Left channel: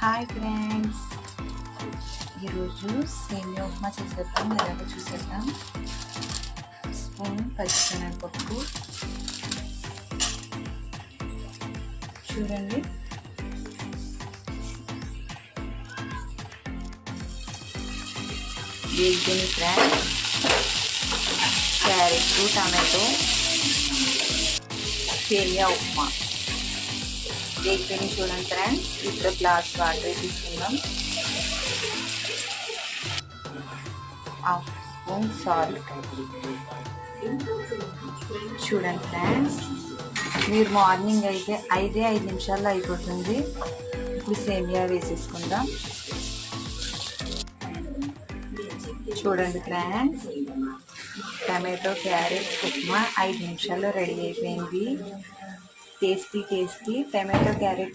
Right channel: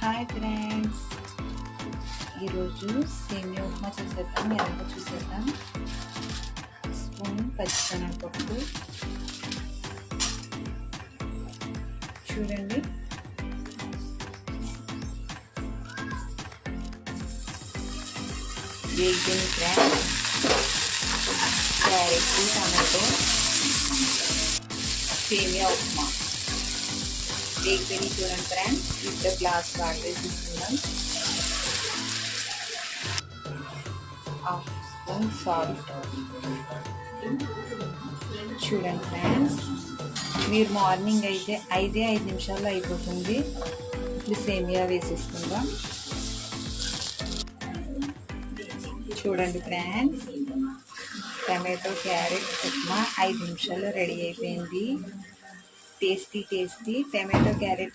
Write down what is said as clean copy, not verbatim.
Hi friends, ఈరోజు సేమియా ఉప్మా చేసేద్దాం. ఎలాగో చూసేద్దాం. స్పూన్ పచ్చిశనగపప్పు చూడండి, వేగిపోయిన ఫ్రెండ్స్ క్యారెట్, టమాటో, సేమియా ఉప్మా వేగిపోయినాయి చూడండి ఫ్రెండ్స్. ఇప్పుడు గ్లాస్ వాటర్ తీసుకుందాం. హాఫ్ స్పూన్ సాల్ట్ చూడండి ఫ్రెండ్స్. మీరు మార్నింగ్ అయితే 5 నిమిషాల్లో అయిపోతుంది. ఇప్పుడు సేమియా వేసేసుకుందాం. చూడండి ఫ్రెండ్స్, టమాటో క్యారెట్ ఉప్మా 5 నిమిషాల్లో రెడీ అయిపోయింది. Tasty tomato carrot